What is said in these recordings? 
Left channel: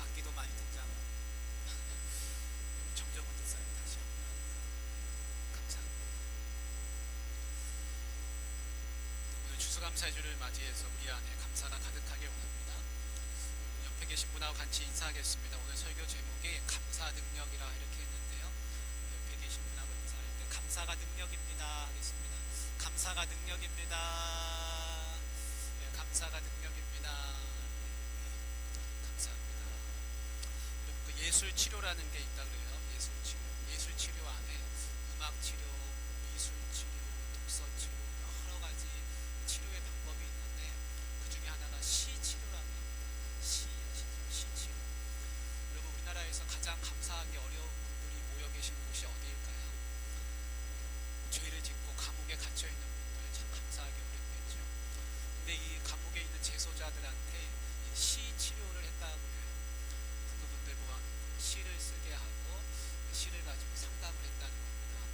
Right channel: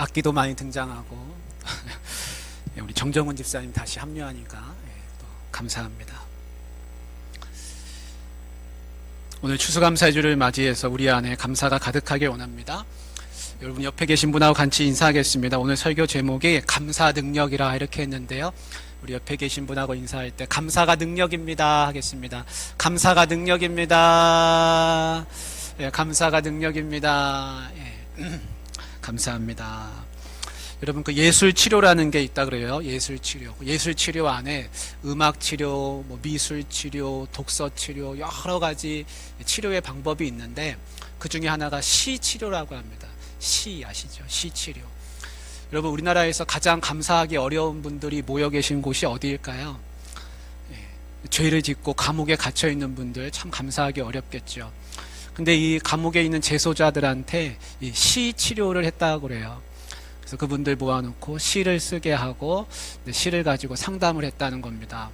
악기도 많이 등장하고 우리 정정훈 집사님 다시 합류하니까 또 감사합니다. 오늘 추수감사주를 맞이해서 우리 안에 감사가 가득하길 원합니다. 여러분 옆에 계신 분하고 같이 인사하겠습니다. 오늘 설교 제목이 감사 능력이라 이렇게 했는데요, 우리 옆에 계신 분하고 인사할 때 감사가 능력입니다 하겠습니다. 감사가 능력입니다. 예, 감사가 능력입니다. 예. 감사합니다. 여러분 그 예술 치료라는 게 있다 그래요. 예술 치료. 예술 치료 안에 음악 치료, 미술 치료, 독서 치료, 여러 가지 치료의 방법이 있는데 그 중에 하나가 시 치료라고 합니다. 시 아시죠? 시 치료. 여러분 우리나라에서 가장 감사하기 어려운 분들이 모여 계신 곳이 어디일까요? 죄를 짓고 감옥에 갇혀 있는 분들 참 감사하기 어렵겠죠. 근데 이 감옥에 있는 재소자들한테 이 시 치료를 했다고 그래요. 그래서 그분들 모아놓고 시를 쓰게 하고 시를 가지고 상담을 했다는 겁니다.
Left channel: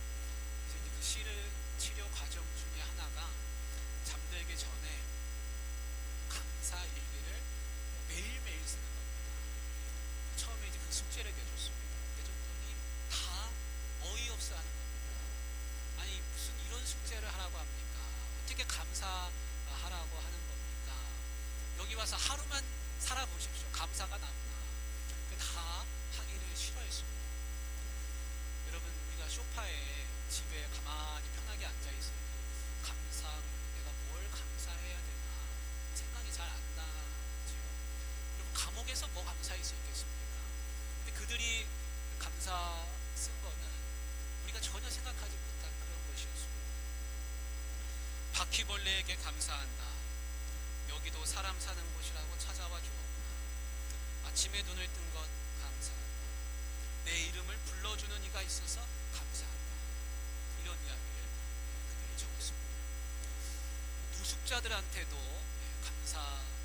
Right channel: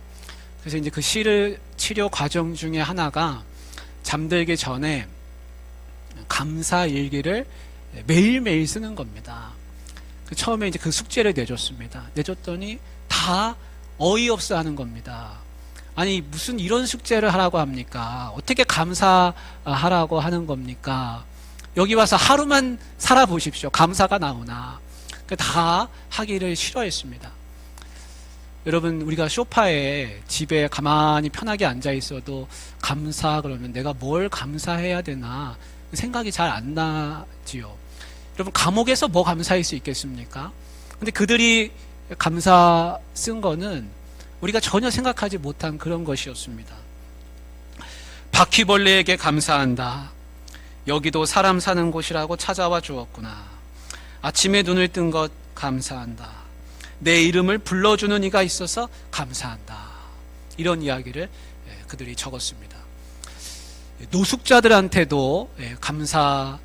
그래서 이제 그 시를 치료 과정 중에 하나가 잠들기 전에 감사 일기를 매일매일 쓰는 겁니다. 처음에 이제 그 숙제를 내줬습니다. 내줬더니 다 어이없어 하는 겁니다. 아니 무슨 이런 숙제를 하라고 합니까? 어떻게 감사하라고 하는 겁니까? 여기 와서 하루만 살아보십시오. 감사가 나오나. 다 하기를 싫어했습니다. 여러분 우리가 소파에 집에 가만히 편하게 앉아 있어도 감사 그러면 내가 뭘 감사해야 되나 생각이 잘 안 나지요. 여러분 감옥에서 뭐 감사할 수 있겠습니까? 근데 그들이 감사 쓴 거는 우리가 전혀 생각하지 못한 그런 것이었습니다. 바퀴벌레에게 감사한다. 여기도 사람 사는 곳이라고 찾아와 주었구나. 아침에 눈을 뜬 것 감사한다. 내 이름을 불러주는 이가 있어서 감사한다. 이런 이야기를 그들이 적었습니다. 노숙자들한테도 감사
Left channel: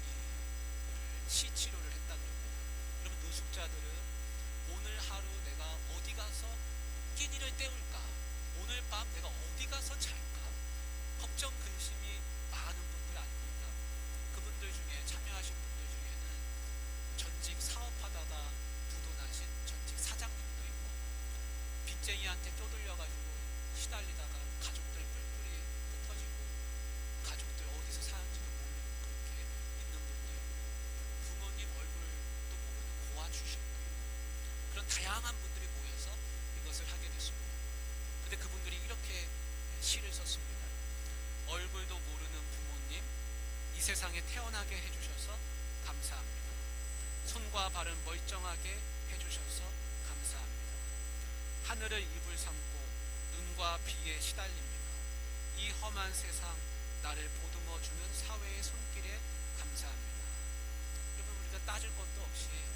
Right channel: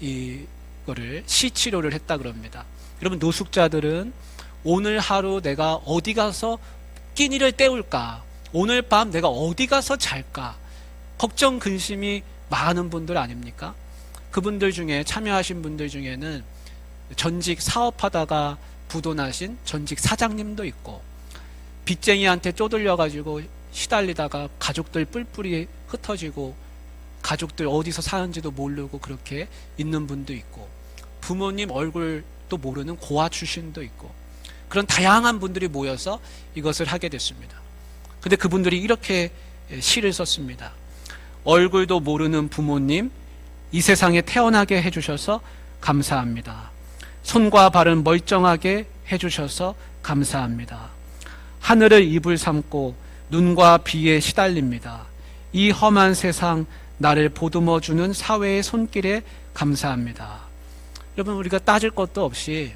이거를 시치료를 했다 그럽니다. 여러분 노숙자들은 오늘 하루 내가 어디 가서 끼니를 때울까, 오늘 밤 내가 어디 가서 잘까 걱정 근심이 많은 분들 아닙니까? 그분들 중에 참여하신 분들 중에는 전직 사업하다가 부도나신 전직 사장님도 있고, 빚쟁이한테 쪼들려 가지고 시달리다가 가족들 뿔뿔이 흩어지고 가족들 어디서 사는지도 모르고 그렇게 있는 분도 있고, 부모님 얼굴도 모르는 고아 출신도 있고, 그런 다양한 분들이 모여서 이것을 하게 됐습니다. 근데 그분들이 이렇게 시를 썼습니다. 얼굴도 모르는 부모님, 이 세상에 태어나게 해주셔서 감사합니다. 손과 발은 멀쩡하게 해주셔서 감사합니다. 하늘을 이불 삼고 눈과 비에 시달립니다. 이 험한 세상 나를 보듬어 주는 사회의 손길에 감사합니다. 여러분 우리가 따질 것도 없이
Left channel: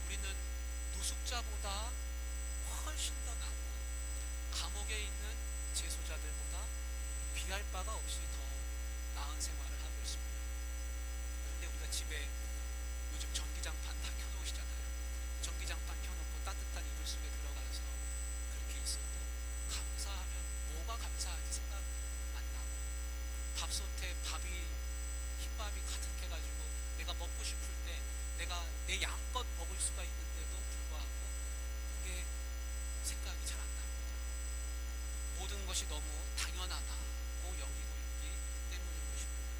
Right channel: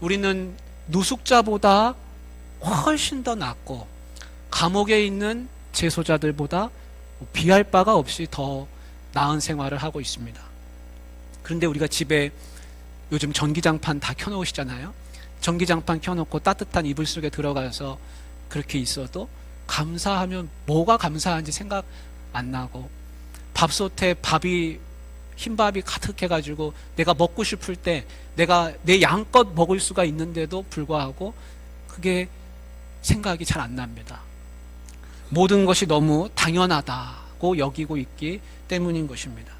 우리는 노숙자보다 훨씬 더 낫고 감옥에 있는 재소자들보다 비할 바가 없이 더 나은 생활을 하고 있습니다. 그런데 우리가 집에 요즘 전기장판 다 켜놓으시잖아요. 전기장판 켜놓고 따뜻한 이불 속에 들어가서 그렇게 있어도 감사하면 뭐가 감사한지 생각 안 나고, 밥솥에 흰밥이 가득해가지고 내가 먹고 싶을 때 내가 내 양껏 먹을 수가 있는데도 불구하고 그게 생각이 잘 안 납니다. 모든 것이 너무 당연하다고 여기고 있기 때문인 것입니다.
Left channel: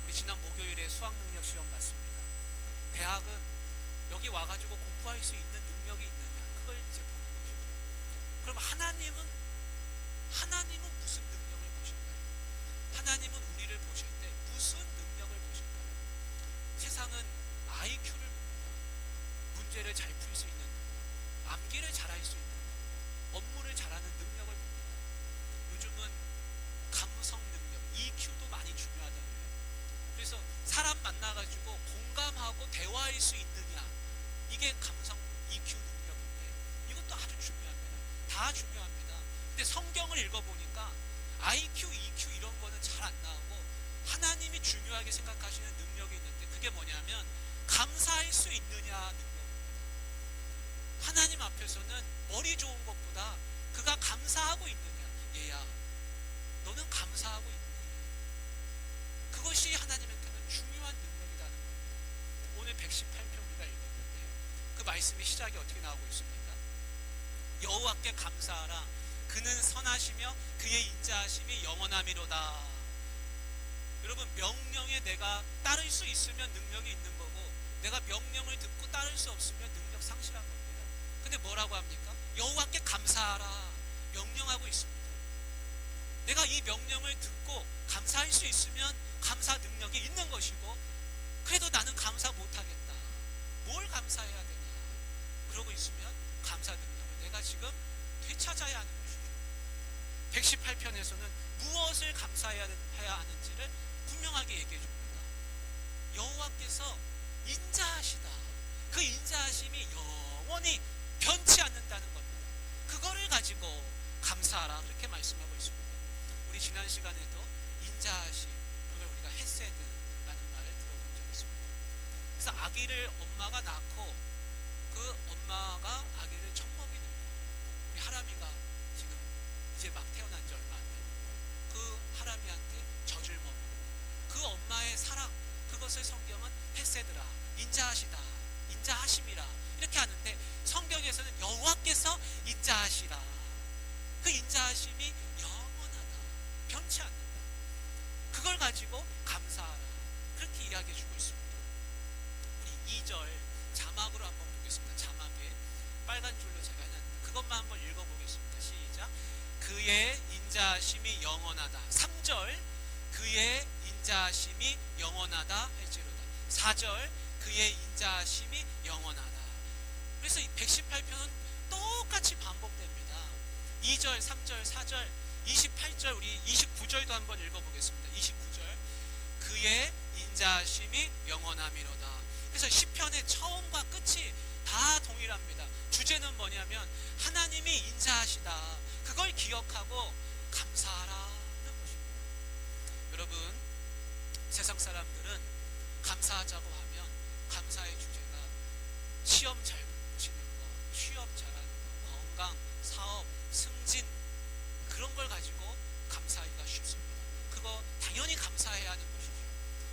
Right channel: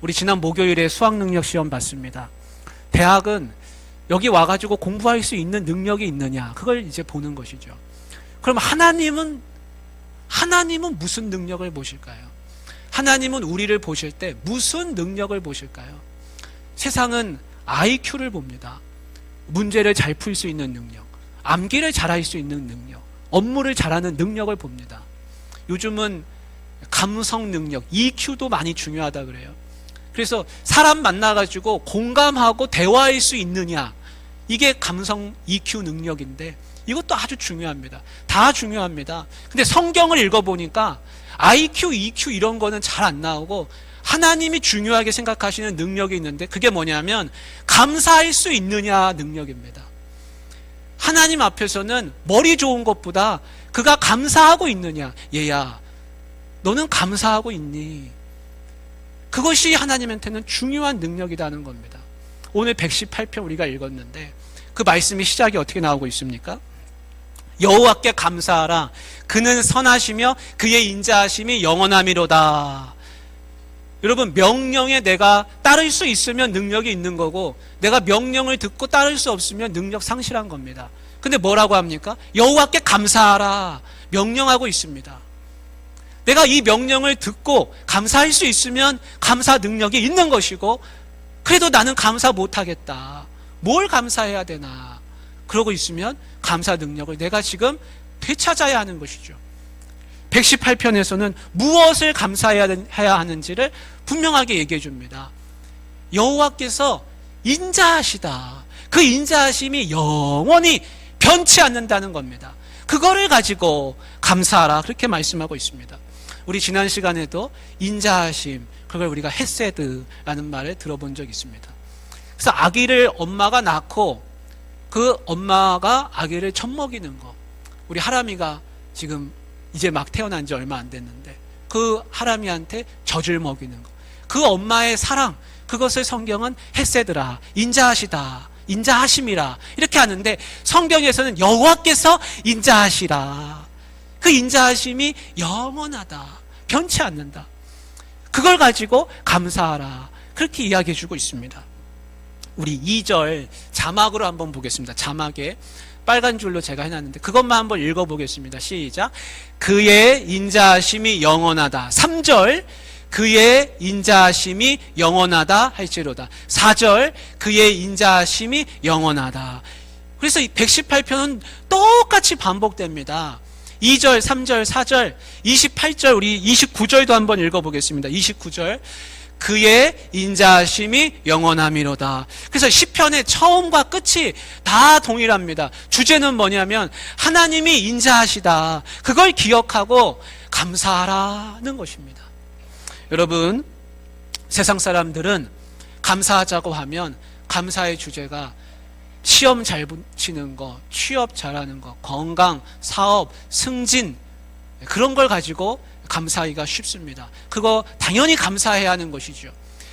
우리 지난 목요일에 수학능력 시험 봤습니다. 대학은 여기 와가지고 공부할 수 있는 능력이 있느냐, 그걸 이제 보는 것이죠. 그럼 하나님은 무슨 능력을 보실까요? 하나님은 우리를 보실 때 무슨 능력을 보실까요? 세상은 IQ를 봅니다. 문제를 잘 풀 수 있는 능력, 암기를 잘할 수 있는 능력, 업무를 잘하는 능력을 봅니다. 요즘은 감성 능력, EQ도 많이 중요하다 그래요. 그래서 사람 만나가지고 공감하고 대화할 수 있느냐, 이게 감성 EQ 능력인데 이것도 아주 중요합니다. 다 중요합니다. 근데 성경을 읽어보니까 IQ, EQ 이런 거는 잘 안 나오고 하나님이 중요하게 생각하시는 능력이 있는데 그게 뭐냐면 감사할 수 있느냐 능력입니다. 하나님 앞에서는 머리 좋은 것보다 그가 감사하고 있느냐, 얘야 너는 감사하고 있니? 그것이 하나님한테는 중요한 능력이라는 겁니다. 오늘 118편 우리가 읽었는데 그 말씀이 시작이 어떻게 나오고 있습니까? 여호와께 감사하라. 그는 선하시며 그의 인자하심이 영원함이로다. 여러분, 명령에 내가 따를 수 있으면 능력이 있는 거고, 내가 명령을 듣고 따를 수 없으면 능력 상실한 겁니다. 근데 뭐라고 합니까? 여호와께 감사하라. 명령하고 있습니다. 내가 이 명령을 듣고 감사할 수 있으면 감사 능력이 있는 것이고, 그래도 나는 감사 못하겠다. 뭘 감사해야 되나? 그러고 있으면 감사 능력을 내가 지금 되찾아야 하는 것이죠. 118편에서는 무엇을 감사해야 하는지를 분명하게 얘기해 줍니다. 여호와께서 인자하시다. 그 인자하심이 영원히 변치 않는다는 겁니다. 그거를 가지고 감사하라, 그렇게 말씀하고 있습니다. 우리 지난 시간에도 인자하심, 그걸 우리가 헤세드라는 말을 들어본 적이 있습니다. 그래서 아기를 엄마가 낳고 그 엄마가 아기를 젖먹이는 거, 우리 하람이가 지금 이제 막 태어난 지 얼마 안 됐는데 그 하람이한테 젖을 먹이는 거, 그 엄마의 사랑, 그것을 성경은 헤세드라, 인자하시다, 인자하심이라 이렇게 하는데, 성경에서는 여호와께서 인자하시라, 그 인자하심이 영원하다, 변치 않는다, 그걸 가지고 감사하라, 그렇게 이야기해 주고 있습니다. 우리 2절 자막으로 한번 보겠습니다. 자막에 빨간 줄로 제가 해놨는데 그것만 한번 읽어보겠습니다. 시작. 그의 인자하심이 영원하다. 3절 그의 인자하심이 영원하다 할지로다. 4절 그의 인자하심이 영원하다. 그래서 이 118편은 똑같이 반복됩니다. 2절, 3절, 4절, 28절, 우리 29절도 한번 읽어보겠습니다. 29절 그의 인자하심이 영원함이로다. 그래서 시편의 처음과 끝이 다 동일합니다. 주제는 뭐냐면 하나님이 인자하시다, 그걸 기억하고 감사하라는 것입니다. 여러분, 세상 사람들은 감사하자고 하면 감사의 주제가 시험 잘 붙이는 거, 취업 잘하는 거, 건강, 사업, 승진, 그런 걸 가지고 감사하기가 쉽습니다. 그거 당연히 감사해야 하는 것이죠.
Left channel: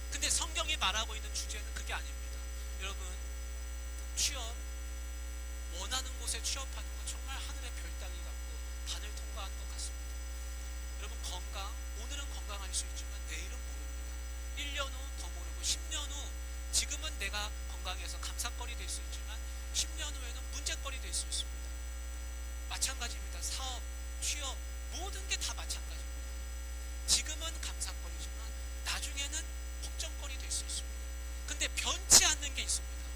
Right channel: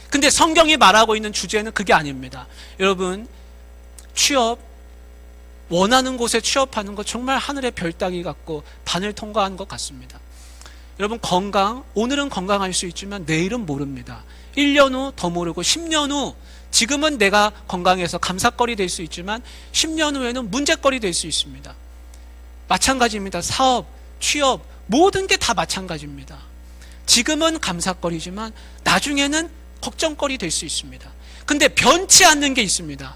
근데 성경이 말하고 있는 주제는 그게 아닙니다. 여러분, 취업, 원하는 곳에 취업하는 거 정말 하늘의 별 따기 같고 반을 통과한 것 같습니다. 여러분, 건강, 오늘은 건강할 수 있지만 내일은 모릅니다. 1년 후 더 모르고 10년 후, 지금은 내가 건강해서 감사거리 될 수 있지만 10년 후에는 문제거리 될 수 있습니다. 마찬가지입니다. 사업, 취업, 모든 게 다 마찬가지입니다. 지금은 감사거리지만 나중에는 걱정거리 될 수 있습니다. 근데 변치 않는 게 있습니다.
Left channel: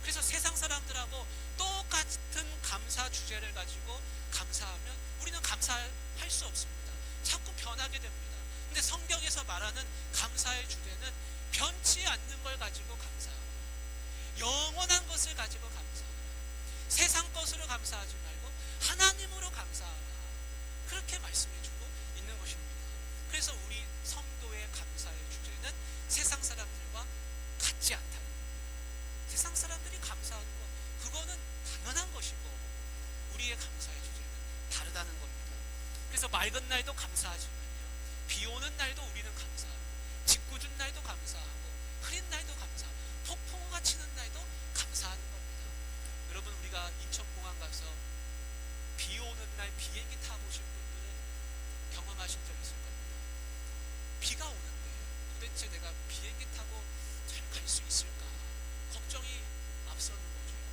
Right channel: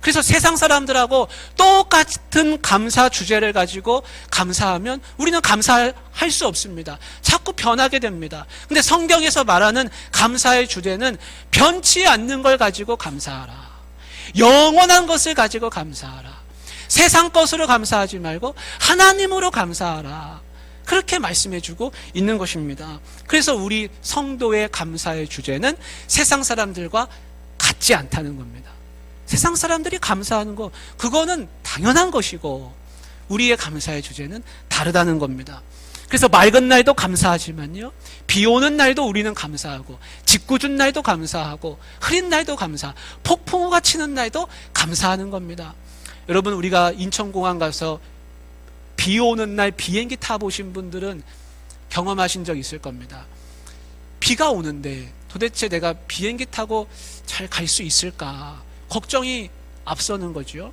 그래서 세상 사람들하고 똑같은 감사 주제를 가지고 감사하면 우리는 감사할 수 없습니다. 자꾸 변하게 됩니다. 근데 성경에서 말하는 감사의 주제는 변치 않는 걸 가지고 감사하라, 영원한 것을 가지고 감사하라, 세상 것으로 감사하지 말고 하나님으로 감사하라, 그렇게 말씀해주고 있는 것입니다. 그래서 우리 성도의 감사의 주제는 세상 사람들과 같지 않다는 겁니다. 세상 사람들이 감사하는 거, 그거는 당연한 것이고 우리의 감사의 주제는 다르다는 겁니다. 그래서 맑은 날도 감사하지만요, 비 오는 날도 우리는 감사하고, 직구준 날도 감사하고, 흐린 날도 감사, 폭풍우가 치는 날도 감사하는 겁니다. 여러분, 우리가 인천공항 가서 비 오는 날 비행기 타보신 분들은 경험하신 적 있을 겁니다. 비가 오는데 도대체 내가 비행기 타고 잘 갈 수 있을까 걱정이 앞서는 거죠.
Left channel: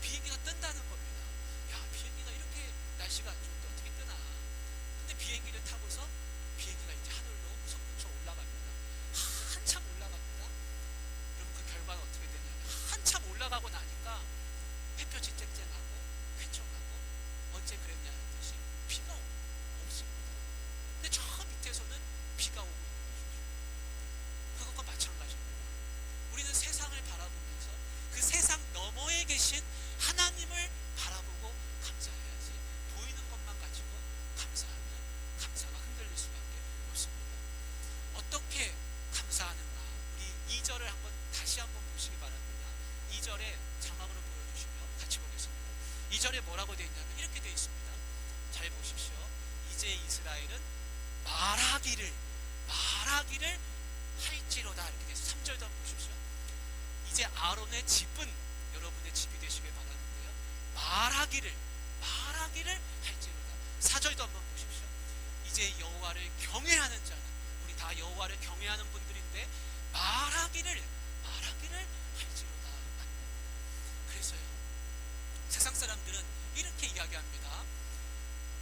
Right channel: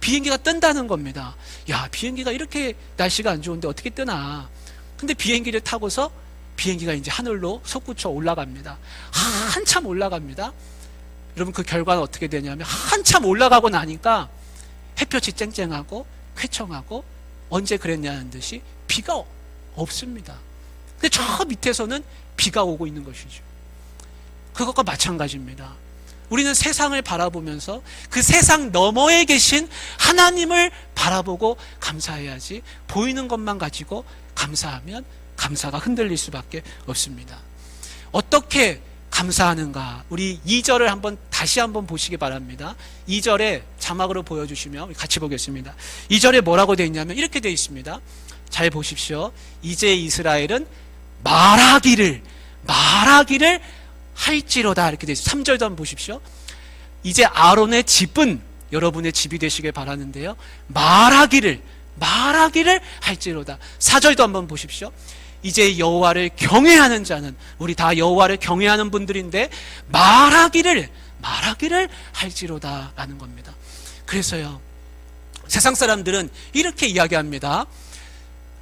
비행기가 뜬다는 겁니다. 야, 비행기가 이렇게 날씨가 안 좋은데 어떻게 뜨나. 근데 비행기를 타고서 비행기가 이제 하늘로 솟구쳐 올라갑니다. 한참 올라갑니다. 여러분, 그 결과는 어떻게 되냐면 한참 올라가고 나니까 햇볕이 쨍쨍하고 쾌청하고 언제 그랬냐는 듯이 비가 없습니다. 근데 저 밑에서는 비가 오고 있는 것이죠. 그것과 마찬가지입니다. 우리는 세상을 바라보면서 그 세상 너머에 계신 하나님을 바라보고 감사해야지, 보이는 것만 가지고 감사하면 감사가 흔들릴 수밖에 없습니다. 어떻게 감사하는가, 우리 2절을 다시 한번 보시기 바랍니다. 2절에 자막으로 보여주시면 같이 보겠습니다. 2절에 뭐라고 되어 있냐면 이렇게 되어 있습니다. 잘 보십시오. 이제 이스라엘은 말하기를 할지로다, 이렇게 되어 있습니다. 3절도 한번 보십시오. 이제 아론의 집은 여러분의 집이 되시길 바라는데요, 말하기를 할지로다. 4절도 한번 보십시오. 이제 여호와를 경외하는 자는, 우리 다 여호와를 경외하는 분들인데 말하기를 할지로다 라는 겁니다. 그래서요, 세상 사람들은 이렇게 이야기합니다.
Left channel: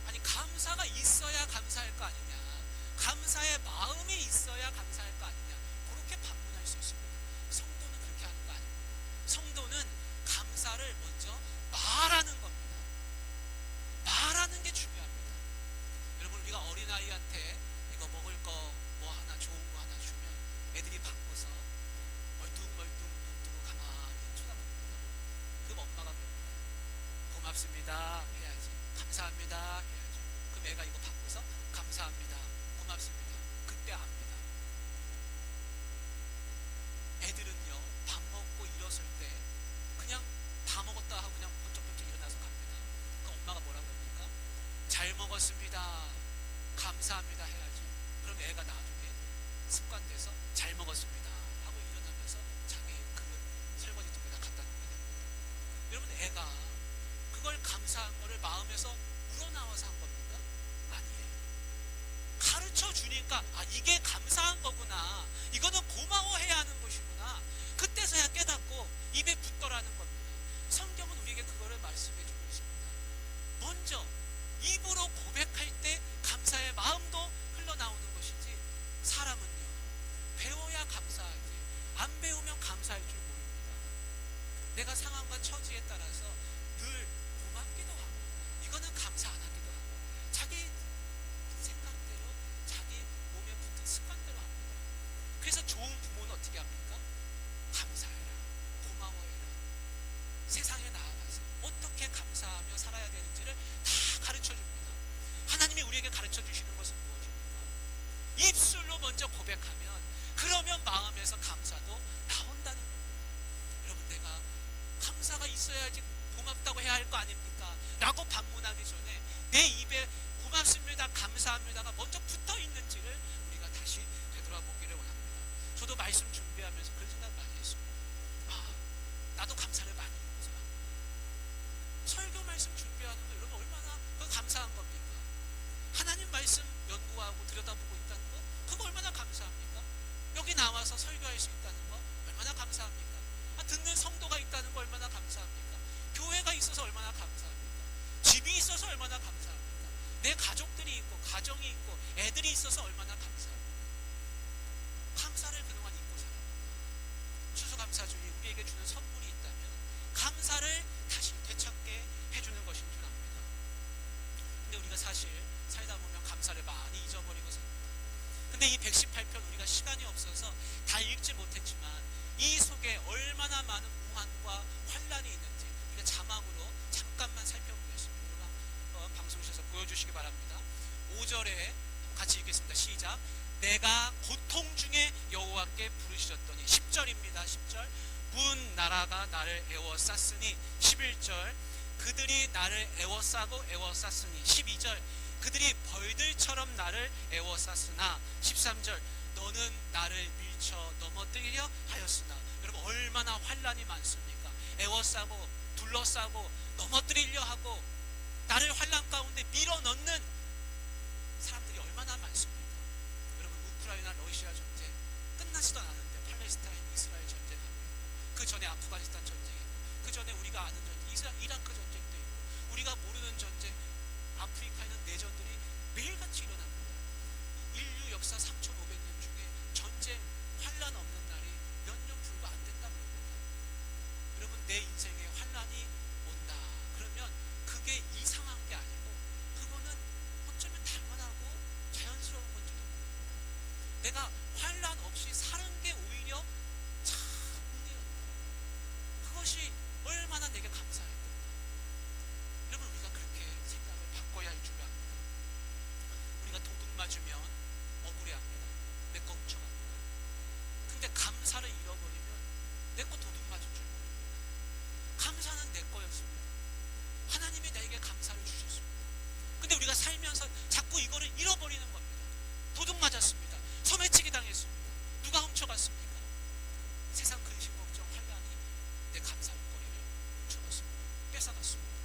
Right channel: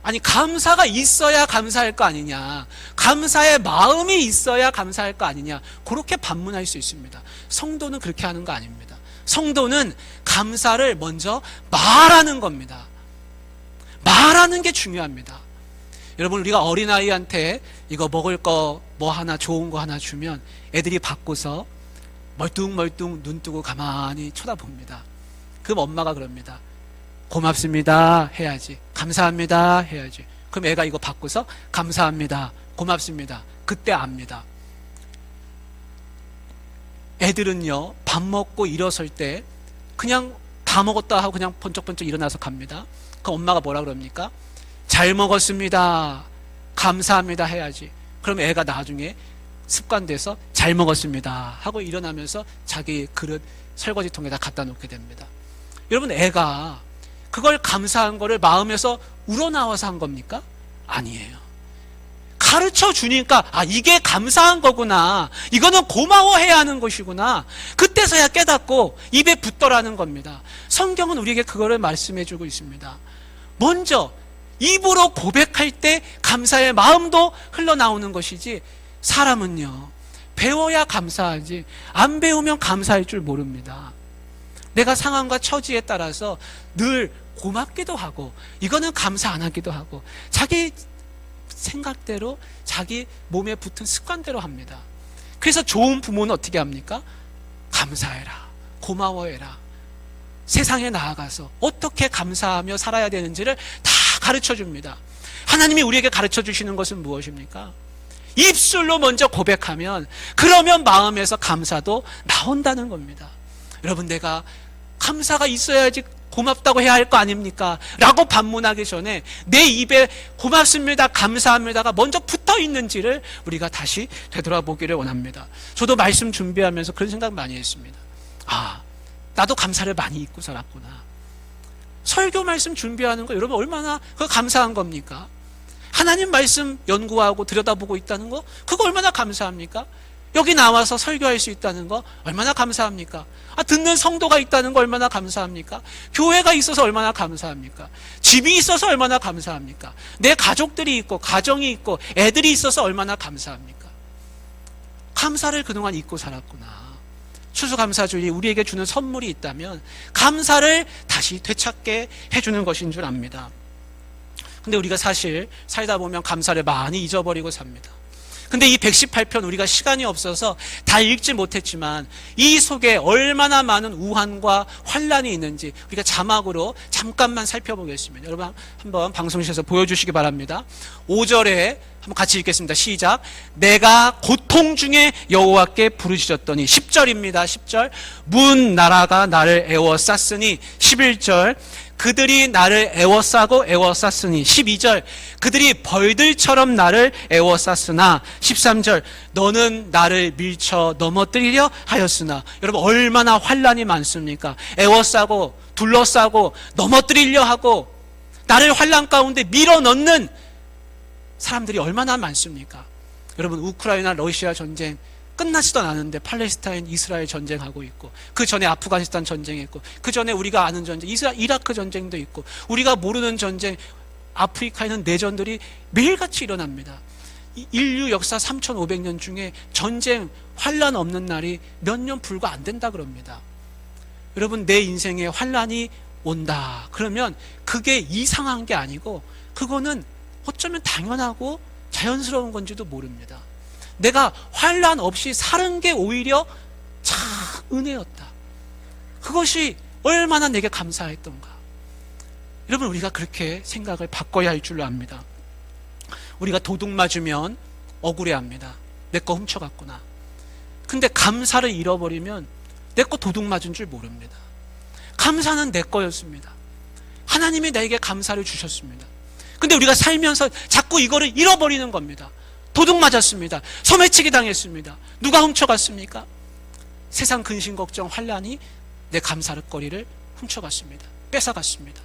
아니, 감사가 있어야 감사할 거 아니냐, 감사의 마음이 있어야 감사할 거 아니냐, 그렇게 반문할 수 있습니다. 성도는 그렇게 하는 거 아닙니다. 성도는 감사를 먼저 말하는 겁니다. 말하는 게 중요합니다. 여러분, 우리가 어린아이한테 이거 먹을 거 뭐 하나, 좋은 거 하나 주면 애들이 받고서 멀뚱멀뚱 눈 뜨고 가만히 쳐다봅니다. 그럼 엄마가 그럽니다. 고맙습니다 해야지, 감사합니다 해야지. 그럼 애가 이거 받고서 감사합니다, 고맙습니다, 그때 압니다. 애들은요, 밥 먹고 일어설 때 그냥 다 먹었다 하고 그냥 번쩍번쩍 일어나서 갑니다. 그럼 엄마가 뭐라 그럽니까? 잘 먹었습니다, 감사합니다 해야지. 그럼 애가 나중에 습관돼서 잘 먹었습니다 하고 일어나면서 자기 그릇 설거지통에다 갖다 놓게 됩니다. 여러분, 애가 그걸 감사한 거를 마음에서 우러나와서 한 겁니까? 아니에요. 가르쳐 주니까, 아, 이게 감사한 거구나, 이거는 고마워해야 하는 것이구나, 그때서야 깨닫고 입에 붙더라는 겁니다. 성경은 우리에게 그거를 말씀해 주고 있습니다. 먼저 입으로 고백할 때 감사의 마음도 흘러나오는 것이지, 사람은요, 배워야 감사하지 안 배우면 감사할 줄 모릅니다. 내가 상황과 처지에 따라서 늘 고맙기도 하고, 이거는 감사 안 하기도 하고, 자기 생각대로 자기 몸에 붙은 습관대로 합니다. 그래서 좋은 부모는 어떻게 합니까? 감사해라, 고마워해라, 세상에 나아가서 어떻게 감사하며 살아야 되는지를 다 가르쳐 줍니다. 하나님이 우리에게 가르쳐 주시는 것은 무엇입니까? 입술로 먼저 고백하면, 그러면 마음에서 감사도 나온다는 겁니다. 여러분, 내가 감사가 있어야지 고맙다고 해야 할 거 아닙니까? 라고 반문하기 전에 내 입에 고맙습니다, 감사합니다가 먼저 붙어 있는지를 우리가 다시 되돌아보기를 원합니다. 저도 말씀 준비하면서 그런 생각 많이 했습니다. 아, 나도 감사를 많이 잊고 살았구나. 설교 말씀 준비하는 거 여러분 얼마나 그거 감사한 겁니까? 하나님 말씀 연구하고 들여다보고 있다는 거, 그거 얼마나 감사합니까? 여기 나와서 설교할 수 있다는 거 얼마나 감사합니까? 아, 듣는 성도가 있다는 거 얼마나 감사합니까? 교회가 있어서 얼마나 감사합니까? 집이 있어서 얼마나 감사합니까? 내 가족들이 있고 가정이 있고 애들이 있어서 얼마나 감사합니까? 감사를 그동안 잊고 살았구나. 추수감사주일이 우리에게 주는 선물이 있다면 감사를 다시 되찾게 해주는 것인 줄 압니다. 근데 우리가 사실 살다 보면 감사를 많이 잊어버리고 삽니다. 근데 이 118편 우리가 시간이 없어서 다 읽지 못했지만 이 속에 얼마나 많은 우환과 환란이 있는지 우리가 자막으로 잠깐만 살펴보겠습니다. 여러분 한번 방송실에서 보여주시기 바랍니다. 5절에 한번 같이 읽겠습니다. 시작. 내가 고통 중에 여호와께 부르짖었더니. 10절입니다. 10절. 문 나라가 나를 애워쌌으니. 11절. 그들이 나를 애워싸고 애워쌌으니. 12절. 그들이 벌들처럼 나를 애워쌌으나. 13절. 너는 나를 밀쳐 넘어뜨리려 하였으나. 여러분 얼마나 환란이 많습니까? 애워싸고 둘러싸고 넘어뜨리려 하고 나를 환란 가운데 밀어넣는 사람들이 얼마나 많습니까? 여러분 우크라이나 러시아 전쟁 끝나지도 않았는데 팔레스타인 이스라엘 전쟁하고 있고, 그 전에 아프가니스탄 전쟁했고, 그 전에 우리가 아는 전쟁 이라크 전쟁도 있고, 우리가 모르는 전쟁 아프리카에는 내전들이 매일같이 일어납니다. 인류 역사 3500년 중에 전쟁 환란 없는 날이 몇 년 불과 안 된다 그럽니다. 여러분 내 인생에 환란이 온다 그러면 그게 이상한 게 아니고 그거는 어쩌면 당연하고 자연스러운 건지도 모릅니다. 내가 환란 없이 사는 게 오히려 참 은혜였다. 그것이 얼마나 내게 감사했던가. 여러분 우리가 그렇게 생각을 바꿔야 할 줄로 압니다. 우리가 도둑 맞으면 억울해합니다. 내 거 훔쳐갔구나. 근데 감사를 잃어버리면 내 거 도둑 맞은 줄 모릅니다. 감사는 내 거였습니다. 하나님이 나에게 감사를 주셨습니다. 근데 우리가 살면서 자꾸 이거를 잃어버리는 겁니다. 도둑 맞았습니다. 소매치기 당했습니다. 누가 훔쳐갔습니까? 세상 근심 걱정 환난이 내 감사거리를 훔쳐갔습니다. 뺏어갔습니다.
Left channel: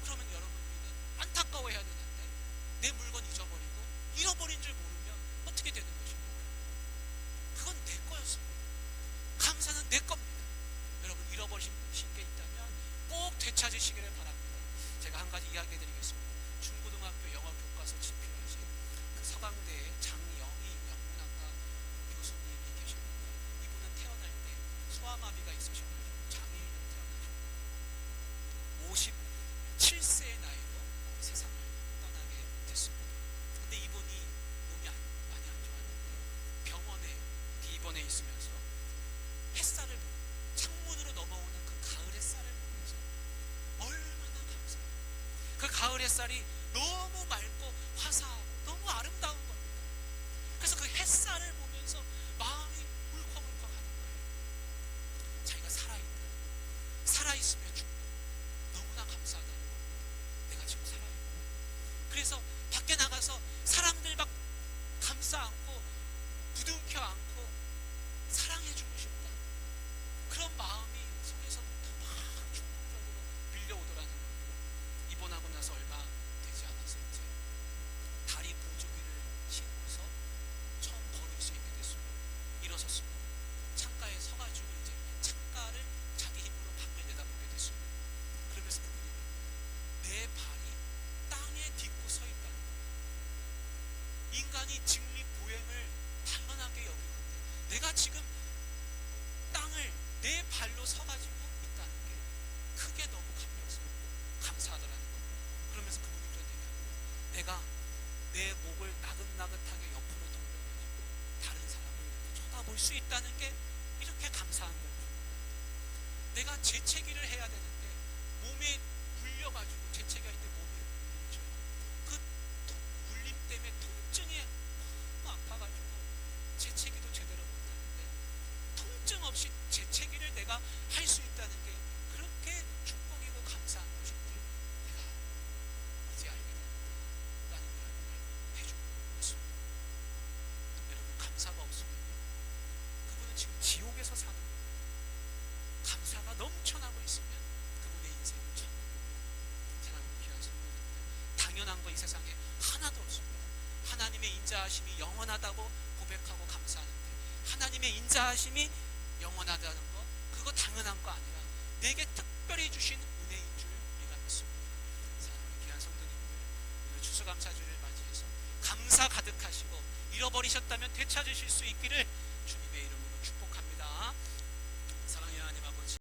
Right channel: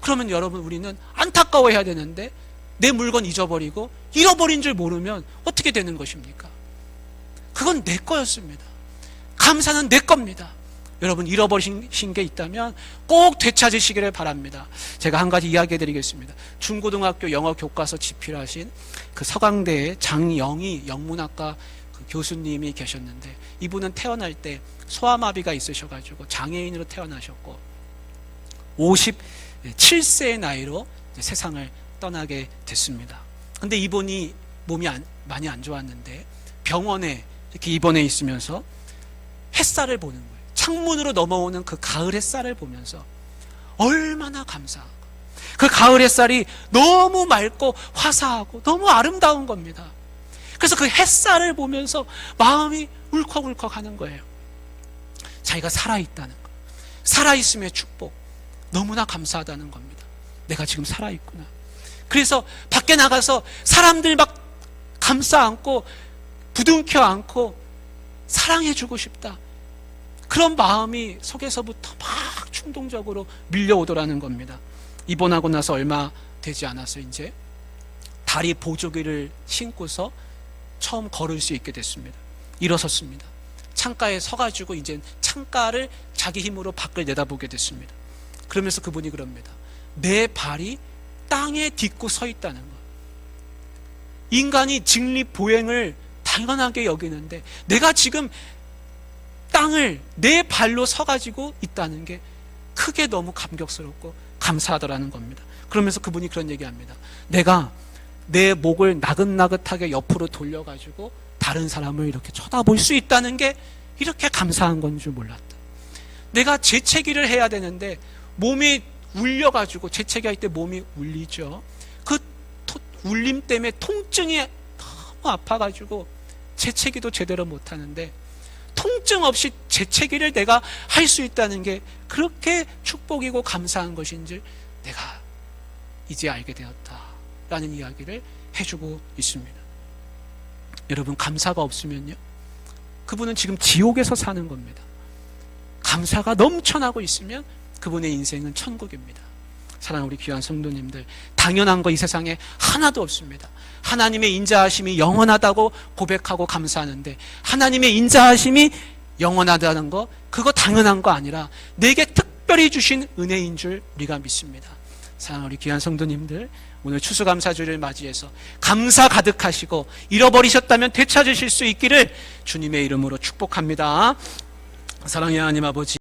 그러면 여러분, 우리는 안타까워해야 되는데 내 물건 잊어버리고 잃어버린 줄 모르면 어떻게 되는 것입니까? 그건 내 거였습니다. 감사는 내 겁니다. 여러분, 잃어버리신 게 있다면 꼭 되찾으시기를 바랍니다. 제가 한 가지 이야기 해드리겠습니다. 중고등학교 영어 교과서 집필하신 그 서강대의 장영희 영문학과 그 교수님이 계셨는데, 이분은 태어날 때 소아마비가 있으셔가지고 장애인으로 태어나셨고 57세의 나이로 세상을 떠나게 됐습니다. 근데 이분이 몸이 많이 안 좋았는데 병원에 이렇게 입원해 있으면서 햇살을 보는 거예요. 창문으로 넘어오는 그 가을 햇살을 보면서 얼마나 감사하고, 그 가을 햇살이 너무 맑고 화사하고 너무 아름다운 겁니다. 그래서 그 햇살을 보면서 마음이 울컥울컥 하는 거예요. 자기가 살아있다는 거, 살아있음의 축복, 너무나 감사하다는 겁니다. 내가 지금 살아있구나. 그래서 밖에 나가서 사람들 막 감싸 안고 부둥켜 안고 사랑해주고 싶다, 그런 마음이 속에서부터 막 충동적으로 밀려오더라는 겁니다. 입원하고 나서 얼마 되지 않아서 이제 다리 보조기를 신고서 처음 걸을 수 있게 됐습니다. 일어섰습니다. 창가에 서가지고 이제 창가를 자기 힘으로 밖을 내다보게 됐습니다. 그러면서 그분이 그럽니다. 내 발이 땅에 딛고 서 있다는 것. 인간이 직립보행을 당연하게 여기는데 내가 지금 땅을 내 발로 서가지고 있다는 게 크게 너무 감격스럽고 감사하더라는 겁니다. 그러면서 그분이 그런 얘기합니다. 내가 내 목을 나긋나긋하게 옆으로 돌려가지고 다른 사람을 이렇게 쳐다볼 수 있다는 게 이렇게 감사한 건 줄 몰랐다. 내가 재채기를 해야 되는데 몸이 울려가지고, 재채기할 때 몸이 울리죠. 그 울림 때문에 통증이 너무 아파가지고 재채기도 제대로 못하는데 통증 없이 재채기를 내가 할 수 있다는 게 그렇게 축복이고 감사한 것인 줄 내가 이제 알게 되었다라는 이야기를 해주고 있습니다. 여러분, 감사가 없으면요, 그분은 지금 지옥에서 사는 겁니다. 감사가 넘쳐나고 있으면 그분의 인생은 천국입니다. 사랑하는 우리 귀한 성도님들, 당연한 거 이 세상에 하나도 없습니다. 하나님의 인자하심이 영원하다고 고백하고 감사하는데 하나님의 인자하심이 영원하다는 거, 그거 당연한 거 아니라 내게 특별히 주신 은혜인 줄 우리가 믿습니다. 사랑하는 우리 귀한 성도님들, 오늘 추수감사주를 맞이해서 감사 가득하시고 잃어버리셨다면 되찾으실 수 있기를 주님의 이름으로 축복합니다. 사랑의 하나님 아버지,